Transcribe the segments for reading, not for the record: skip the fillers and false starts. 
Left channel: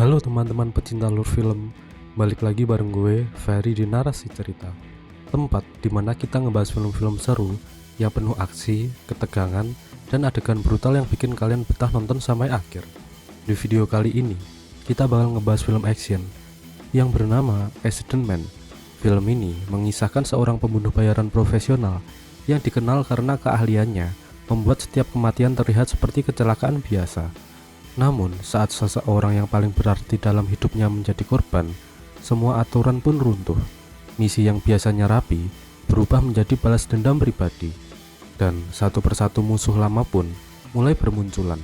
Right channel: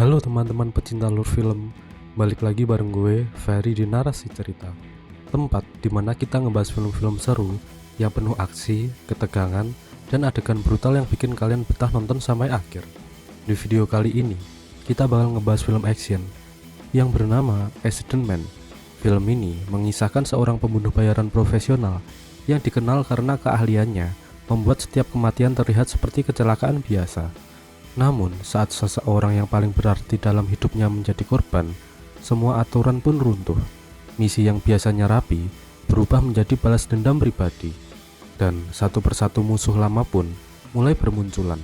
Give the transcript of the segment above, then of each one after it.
Halo teman-teman pecinta lur film, balik lagi bareng gue, Ferry di Narasi Cerita. Tempat dimana kita ngebahas film-film seru yang penuh aksi, ketegangan, dan adegan brutal yang bikin kalian betah nonton sampai akhir. Di video kali ini, kita bakal ngebahas film action yang bernama Accident Man. Film ini mengisahkan seorang pembunuh bayaran profesional yang dikenal karena keahliannya membuat setiap kematian terlihat seperti kecelakaan biasa. Namun, saat seseorang yang paling berarti dalam hidupnya menjadi korban, semua aturan pun runtuh. Misi yang biasanya rapi berubah menjadi balas dendam pribadi. Dan satu persatu musuh lama pun mulai bermunculan.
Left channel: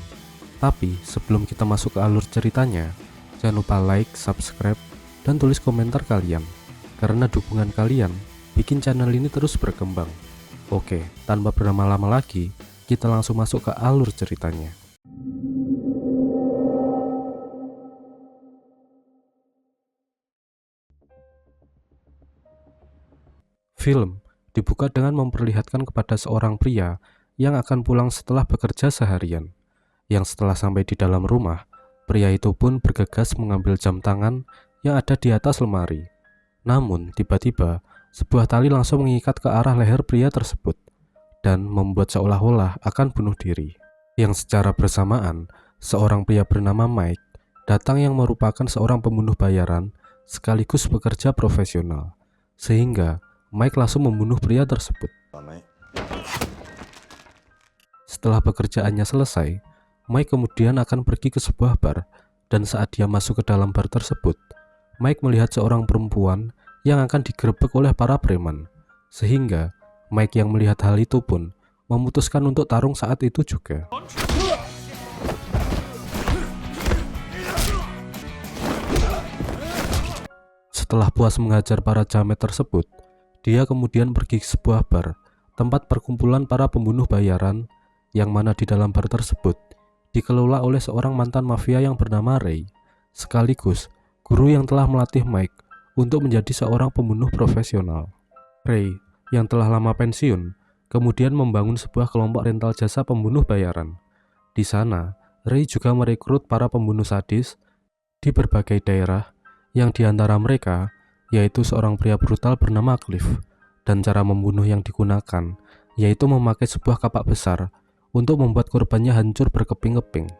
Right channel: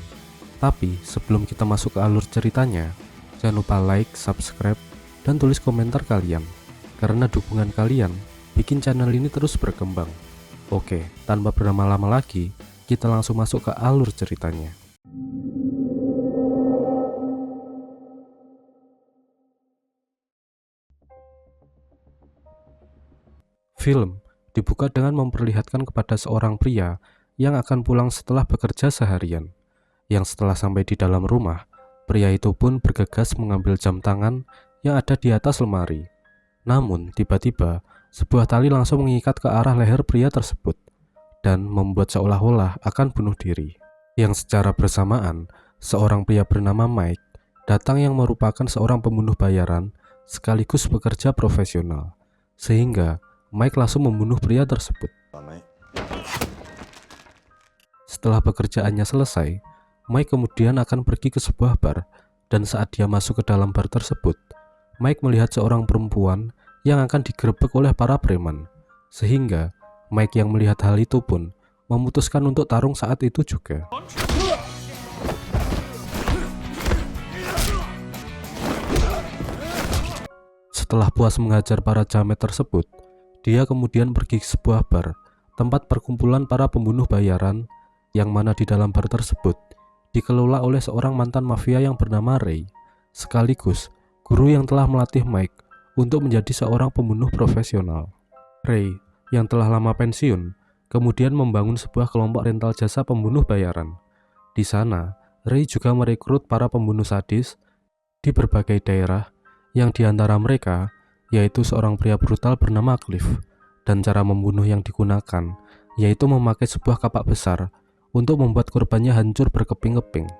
Tapi, sebelum kita masuk ke alur ceritanya, jangan lupa like, subscribe, dan tulis komentar kalian. Karena dukungan kalian bikin channel ini terus berkembang. Oke, tanpa berlama-lama lagi, kita langsung masuk ke alur ceritanya. Film dibuka dengan memperlihatkan kepada seorang pria yang akan pulang setelah bekerja seharian. Yang setelah sampai di dalam rumah, pria itu pun bergegas mengambil jam tangan yang ada di atas lemari. Namun, tiba-tiba, sebuah tali langsung mengikat ke arah leher pria tersebut dan membuat seolah-olah akan bunuh diri. Yang secara bersamaan, seorang pria bernama Mike datang yang merupakan seorang pembunuh bayaran sekaligus pekerja profesional. Sehingga Mike langsung membunuh pria tersebut. Setelah pekerjaannya selesai, Mike kemudian akan pergi ke sebuah bar, dan saat dia masuk ke dalam bar tersebut, Mike melihat seorang perempuan yang akan digerebek oleh para preman. Sehingga Mike yang melihat hal itu pun memutuskan untuk tarung saat itu juga. Setelah puas mengajar para jamet tersebut, dia kemudian pergi ke sebuah bar, tempat perkumpulan para pembunuh bayaran, yang mana di dalam bar tersebut dikelola oleh seorang mantan mafia yang bernama Ray, sekaligus guru yang telah melatih Mike untuk menjadi seorang pembunuh profesional. Ray, yang telah lama pensiun, kemudian membangun sebuah kelompok rental jasa pembunuh bayaran. Di sana, Ray juga merekrut para pembunuh sadis di berbagai daerah, yang diantara mereka yaitu seorang pria brutal bernama Cliff, dan cara membunuh yang digunakan yaitu memakai sebuah kapak besar untuk membuat korbannya hancur berkeping-keping.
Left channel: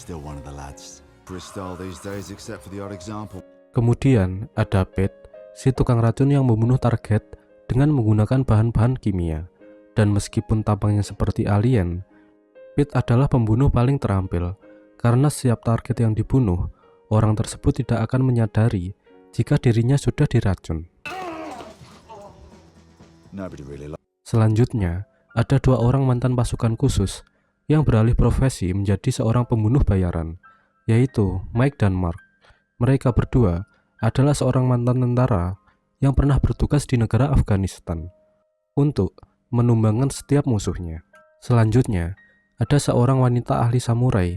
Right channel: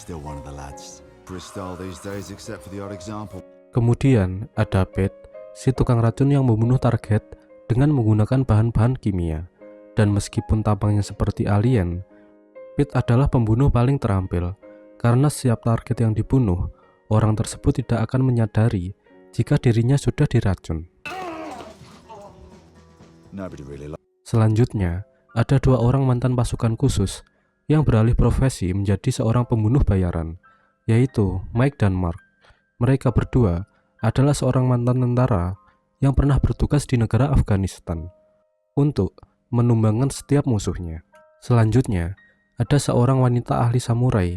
Kemudian ada Pete, si tukang racun yang membunuh target dengan menggunakan bahan-bahan kimia. Dan meskipun tampangnya seperti alien, Pete adalah pembunuh paling terampil, karena setiap target yang dibunuh, orang tersebut tidak akan menyadari jika dirinya sudah diracun. Selanjutnya, ada dua orang mantan pasukan khusus yang beralih profesi menjadi seorang pembunuh bayaran, yaitu Mike dan Mark. Mereka berdua adalah seorang mantan tentara yang pernah bertugas di negara Afghanistan untuk menumbangkan setiap musuhnya. Selanjutnya, ada seorang wanita ahli samurai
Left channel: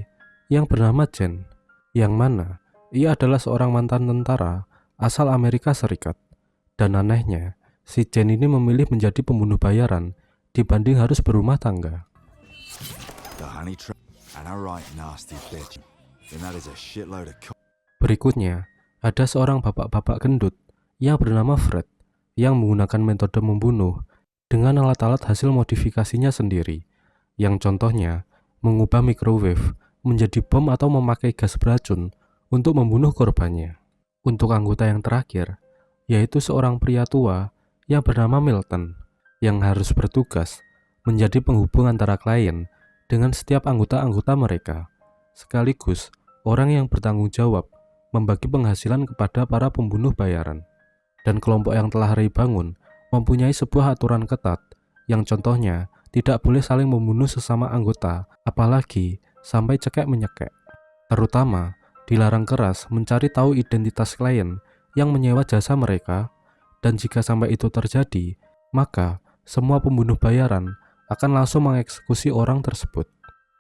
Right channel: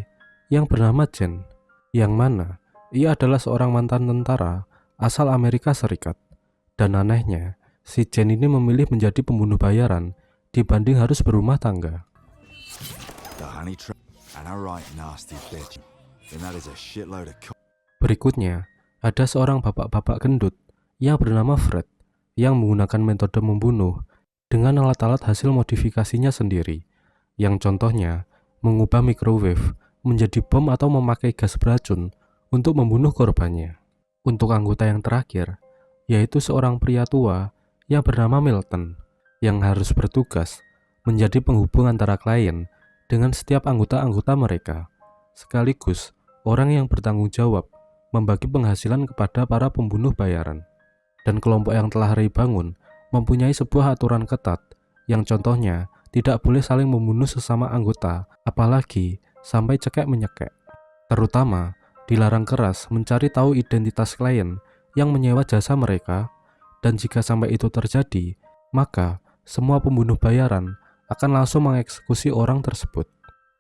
yang bernama Jen, yang mana ia adalah seorang mantan tentara asal Amerika Serikat. Dan anehnya, si Jen ini memilih menjadi pembunuh bayaran dibanding harus berumah tangga. Berikutnya, ada seorang bapak-bapak gendut yang bernama Fred, yang menggunakan metode membunuh dengan alat-alat hasil modifikasinya sendiri, yang contohnya mengubah microwave menjadi bom atau memakai gas beracun untuk membunuh korbannya. Untuk anggota yang terakhir, yaitu seorang pria tua yang bernama Milton, yang harus bertugas menjadi penghubung antara klien dengan setiap anggota-anggota mereka, sekaligus orang yang bertanggung jawab membagi penghasilan kepada para pembunuh bayaran. Dan kelompok yang telah Ray bangun mempunyai sebuah aturan ketat, yang contohnya tidak boleh saling membunuh sesama anggota, apalagi sampai cekek-menyekek. Terutama dilarang keras mencari tahu identitas klien yang menyewa jasa mereka, dan jika sampai itu terjadi, maka semua pembunuh bayaran akan langsung mengeksekusi orang tersebut.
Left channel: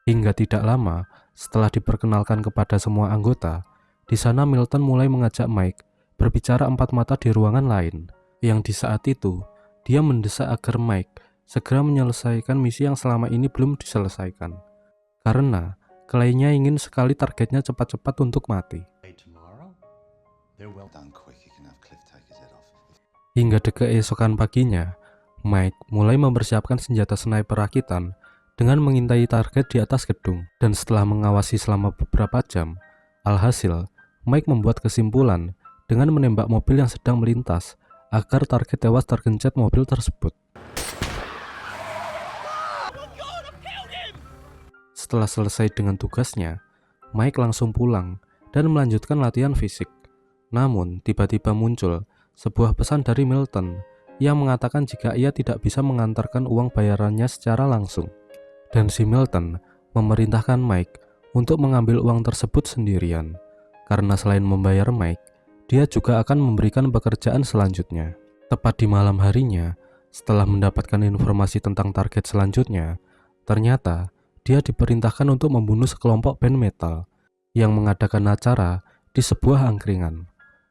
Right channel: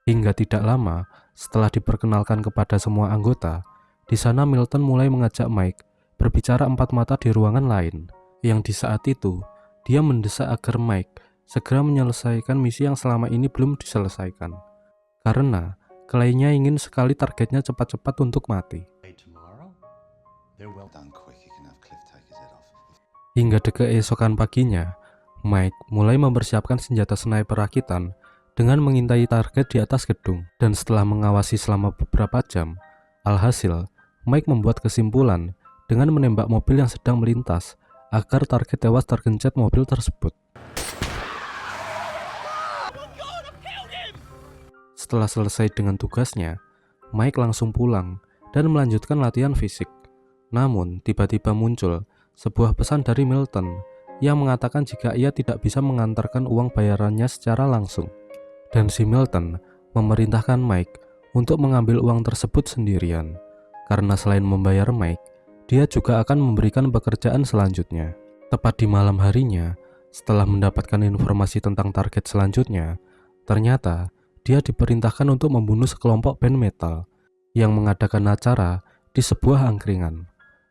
Hingga tidak lama setelah diperkenalkan kepada semua anggota, di sana Milton mulai mengajak Mike berbicara empat mata di ruangan lain, yang di saat itu dia mendesak agar Mike segera menyelesaikan misi yang selama ini belum diselesaikan, karena kliennya ingin sekali targetnya cepat-cepat untuk mati. Hingga keesokan paginya, Mike mulai mempersiapkan senjata sniper rakitan dengan mengintai target di atas gedung. Dan setelah mengawasi selama beberapa jam, alhasil Mike membuat kesimpulan dengan menembak mobil yang sedang melintas agar target tewas tergencet mobil tersebut. Setelah selesai dengan tugasnya, Mike langsung pulang dan melanjutkan latihan fisik. Namun, tiba-tiba muncul sebuah pesan dari Milton yang mengatakan jika ia tidak bisa mengantarkan uang bayarannya secara langsung. Dan si Milton memerintahkan Mike untuk mengambil uang tersebut sendirian. Karena selain membayar Mike, dia juga akan memberikan pekerjaan selanjutnya. Tepat di malam harinya, setelah mendapatkan informasi tentang target selanjutnya, ternyata dia diperintahkan untuk membunuh sekelompok band metal yang mengadakan acara di sebuah angkringan.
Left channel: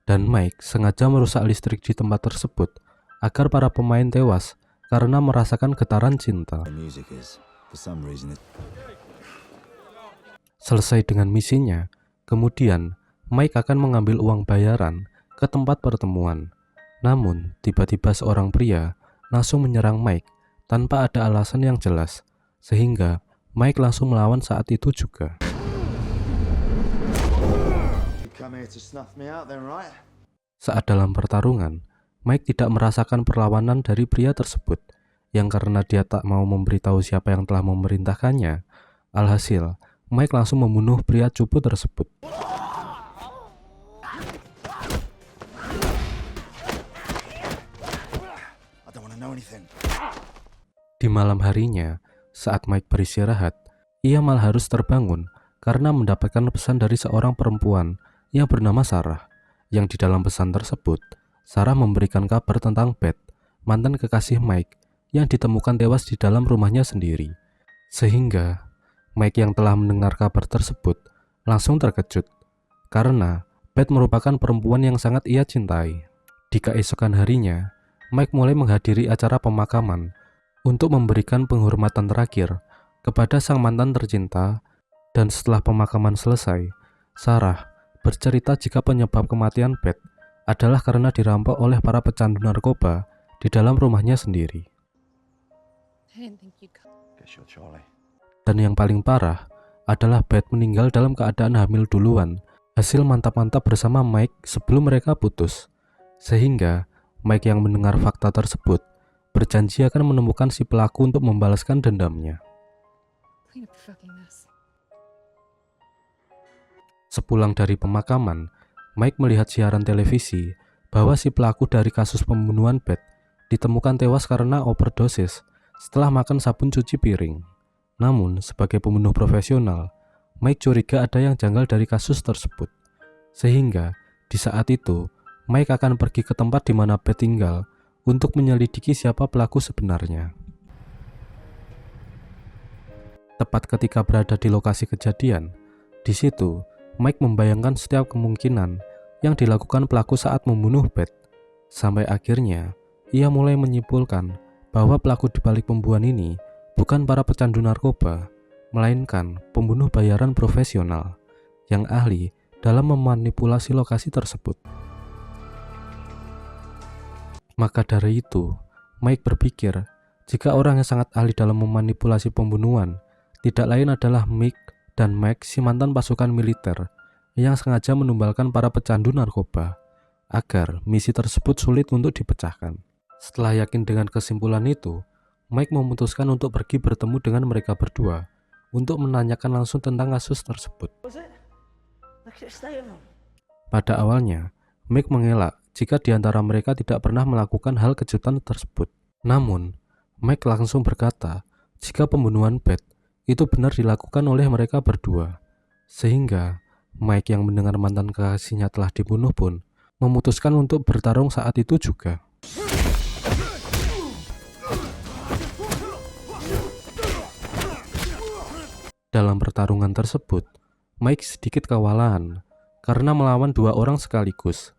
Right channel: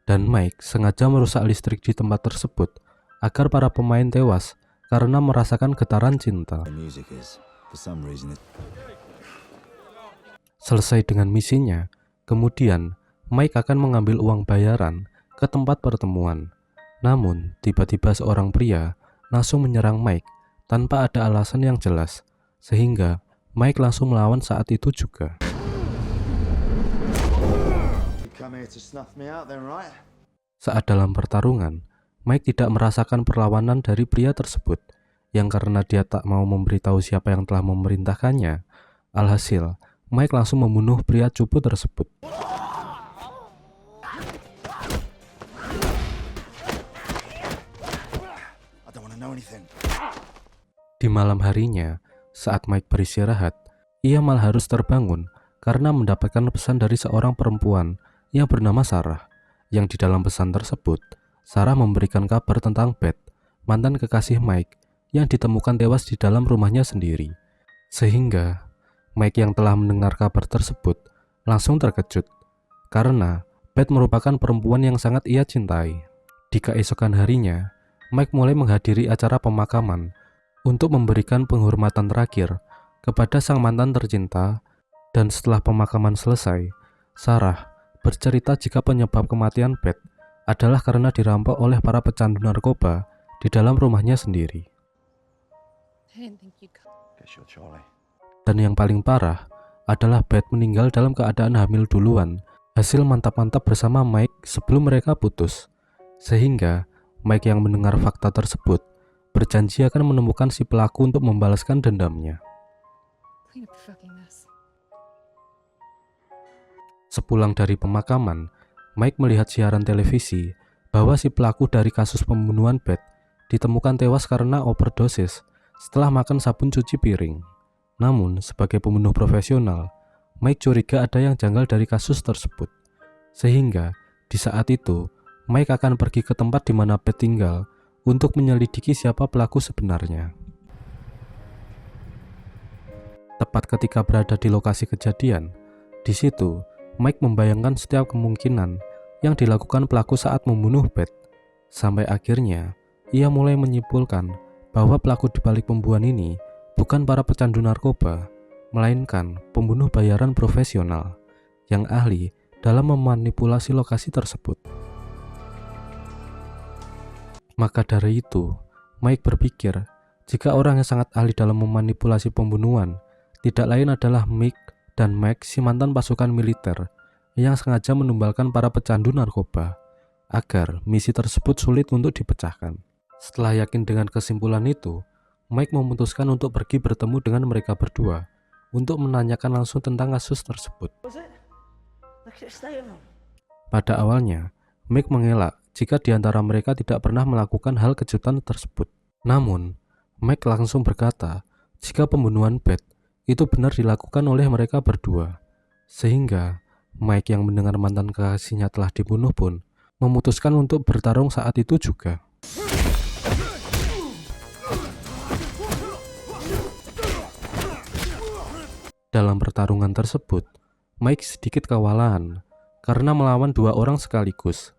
Dan Mike sengaja merusak listrik di tempat tersebut agar para pemain tewas karena merasakan getaran cinta. Selesai dengan misinya, kemudian Mike akan mengambil uang bayaran ke tempat pertemuan. Namun, tiba-tiba seorang pria langsung menyerang Mike tanpa ada alasan yang jelas, sehingga Mike langsung melawan saat itu juga. Saat dalam pertarungan, Mike tidak merasakan perlawanan dari pria tersebut, yang karena dia tak mau memberitahu siapa yang telah memerintahkannya. Alhasil, Mike langsung membunuh pria cupu tersebut. Di malam harinya, saat Mike beristirahat, ia malah harus terbangun karena mendapatkan pesan dari seorang perempuan yang bernama Sarah, yang di dalam pesan tersebut, Sarah memberikan kabar tentang Beth, mantan kekasih Mike, yang ditemukan tewas di dalam rumahnya sendiri. Sehingga, Mike yang telah mendengar kabar tersebut langsung terkejut, karena Beth merupakan perempuan yang sangat ia cintai. Di keesokan harinya, Mike mulai menghadiri acara pemakaman untuk memberikan penghormatan terakhir kepada sang mantan tercinta. Dan setelah pemakaman selesai, Sarah bercerita jika penyebab kematian Beth adalah karena dirampok oleh para pecandu narkoba di dalam rumahnya sendiri. Dan yang paling parah adalah Beth meninggal dalam keadaan hamil duluan, hasil mantap-mantap bersama Mike sebelum mereka putus. Sehingga Mike yang mendengar fakta tersebut berjanji akan menemukan si pelaku untuk membalaskan dendamnya. Sepulang dari pemakaman, Mike melihat siaran televisi bahwa si pelaku dari kasus pembunuhan Beth ditemukan tewas karena overdosis setelah makan sabun cuci piring. Namun, sebagai pembunuh profesional, Mike curiga ada yang janggal dari kasus tersebut. Sehingga, di saat itu, Mike akan pergi ke tempat di mana Beth tinggal untuk menyelidiki siapa pelaku sebenarnya. Tepat ketika berada di lokasi kejadian, di situ Mike membayangkan setiap kemungkinan yang dilakukan pelaku saat membunuh Beth. Sampai akhirnya, ia mulai menyimpulkan bahwa pelaku di balik pembunuhan ini bukan para pecandu narkoba, melainkan pembunuh bayaran profesional yang ahli dalam memanipulasi lokasi tersebut. Maka dari itu, Mike berpikir jika orang yang sangat ahli dalam memanipulasi pembunuhan tidak lain adalah Mick dan Mike, si mantan pasukan militer yang sengaja menumbalkan para pecandu narkoba agar misi tersebut sulit untuk dipecahkan. Setelah yakin dengan kesimpulan itu, Mike memutuskan untuk pergi bertemu dengan mereka berdua untuk menanyakan langsung tentang kasus tersebut. Pada awalnya, Mike mengelak jika di antara mereka tidak pernah melakukan hal kejutan tersebut. Namun, Mike langsung berkata jika pembunuhan Beth itu benar dilakukan oleh mereka berdua. Sehingga Mike yang mendengar mantan kekasihnya telah dibunuh pun memutuskan untuk bertarung saat itu juga. Dalam pertarungan tersebut, Mike sedikit kewalahan karena melawan dua orang sekaligus.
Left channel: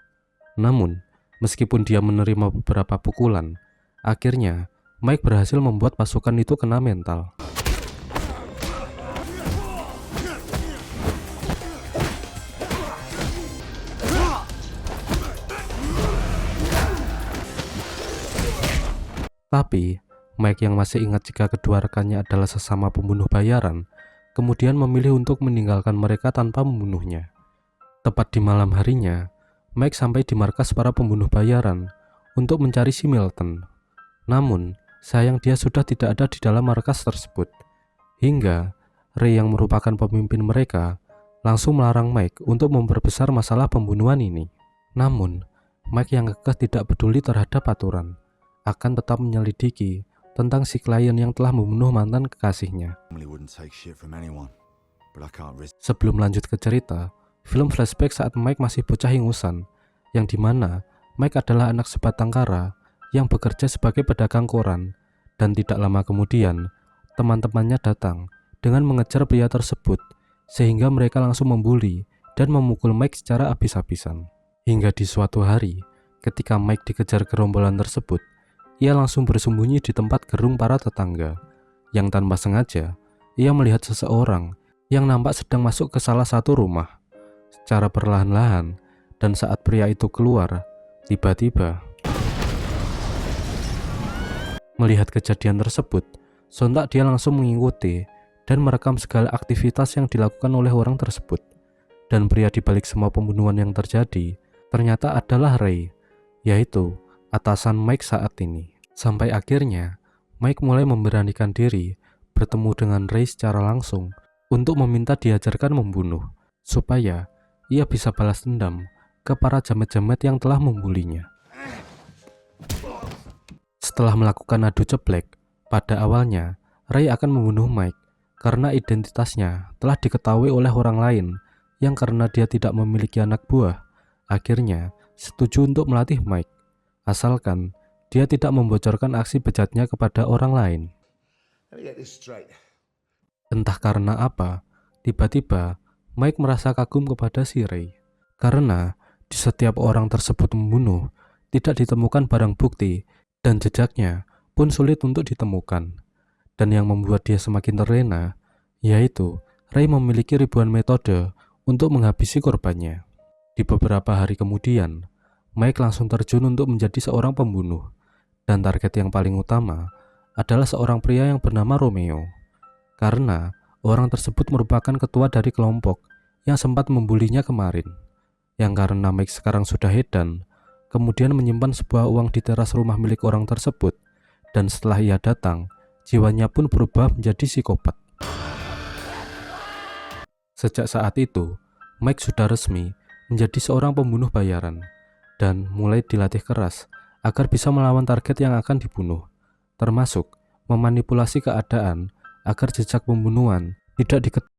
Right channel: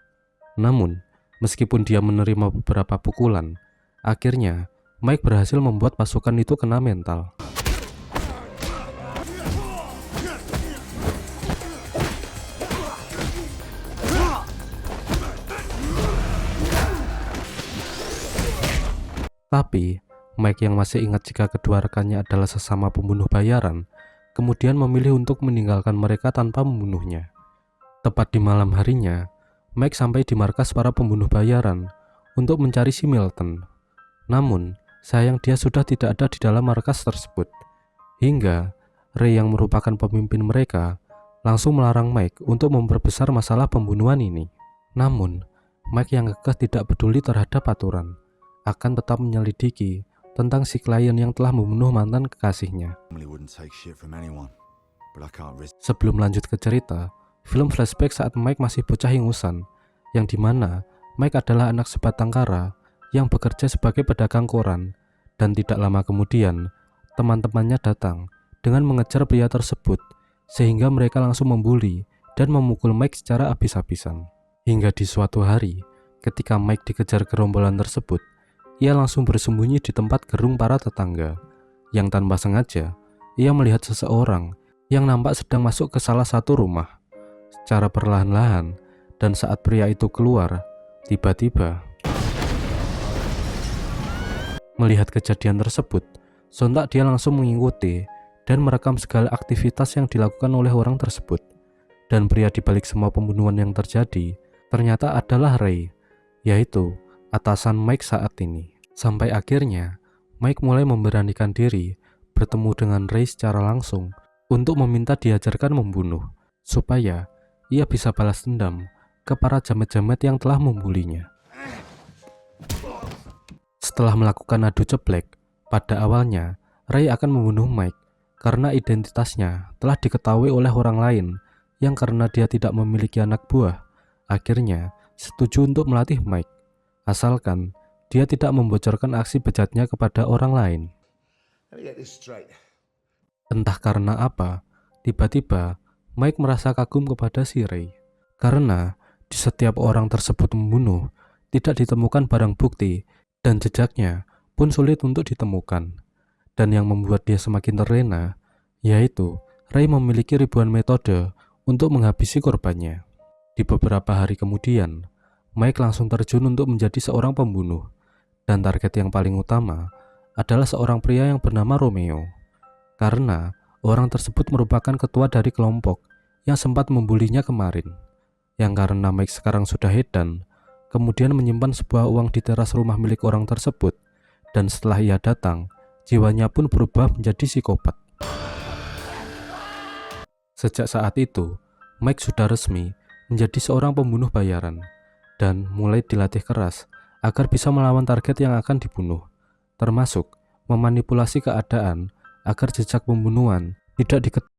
Namun, meskipun dia menerima beberapa pukulan, akhirnya Mike berhasil membuat pasukan itu kena mental. Tapi, Mike yang masih ingat jika kedua rekannya adalah sesama pembunuh bayaran, kemudian memilih untuk meninggalkan mereka tanpa membunuhnya. Tepat di malam harinya, Mike sampai di markas para pembunuh bayaran untuk mencari si Milton. Namun, sayang dia sudah tidak ada di dalam markas tersebut. Hingga, Ray yang merupakan pemimpin mereka langsung melarang Mike untuk memperbesar masalah pembunuhan ini. Namun, Mike yang kekeh tidak peduli terhadap aturan, akan tetap menyelidiki tentang si klien yang telah membunuh mantan kekasihnya. Sebelum lanjut ke cerita, film flashback saat Mike masih bocah ingusan, yang dimana Mike adalah anak sebatang kara yang bekerja sebagai pedagang koran, dan tidak lama kemudian teman-temannya datang dengan mengejar pria tersebut, sehingga mereka langsung membuli dan memukul Mike secara habis-habisan. Hingga di suatu hari, ketika Mike dikejar gerombolan tersebut, ia langsung bersembunyi di tempat gerung para tetangga, yang tanpa sengaja ia melihat seseorang yang nampak sedang masuk ke salah satu rumah secara perlahan-lahan. Dan saat pria itu keluar, tiba-tiba melihat kejadian tersebut, sontak dia langsung mengikuti dan merekam segala aktivitas yang dilakukan oleh orang tersebut. Dan pria di balik semua pembunuhan yang terjadi ternyata adalah Ray, yaitu atasan Mike saat ini. Sampai akhirnya Mike mulai memberanikan diri bertemu dengan Ray secara langsung untuk meminta diajarkan membunuh, supaya ia bisa balas dendam ke para jamet-jamet yang telah membulinya. Setelah melakukan adu ceplek, pada awalnya Ray akan membunuh Mike karena identitasnya telah diketahui oleh orang lain yang karena dia tidak memiliki anak buah, akhirnya setuju untuk melatih Mike, asalkan dia tidak membocorkan aksi bejatnya kepada orang lain. Entah karena apa, tiba-tiba Mike merasa kagum kepada si Ray, karena di setiap orang tersebut membunuh, tidak ditemukan barang bukti dan jejaknya pun sulit untuk ditemukan. Dan yang membuat dia semakin terlena, yaitu Ray memiliki ribuan metode untuk menghabisi korbannya. Di beberapa hari kemudian, Mike langsung terjun untuk menjadi seorang pembunuh. Dan target yang paling utama adalah seorang pria yang bernama Romeo. Karena orang tersebut merupakan ketua dari kelompok yang sempat membulinya kemarin. Yang karena Mike sekarang sudah edan, kemudian menyimpan sebuah uang di teras rumah milik orang tersebut. Dan setelah ia datang, jiwanya pun berubah menjadi psikopat. Sejak saat itu, Mike sudah resmi menjadi seorang pembunuh bayaran dan mulai dilatih keras agar bisa melawan target yang akan dibunuh, termasuk memanipulasi keadaan agar jejak pembunuhan tidak diketahui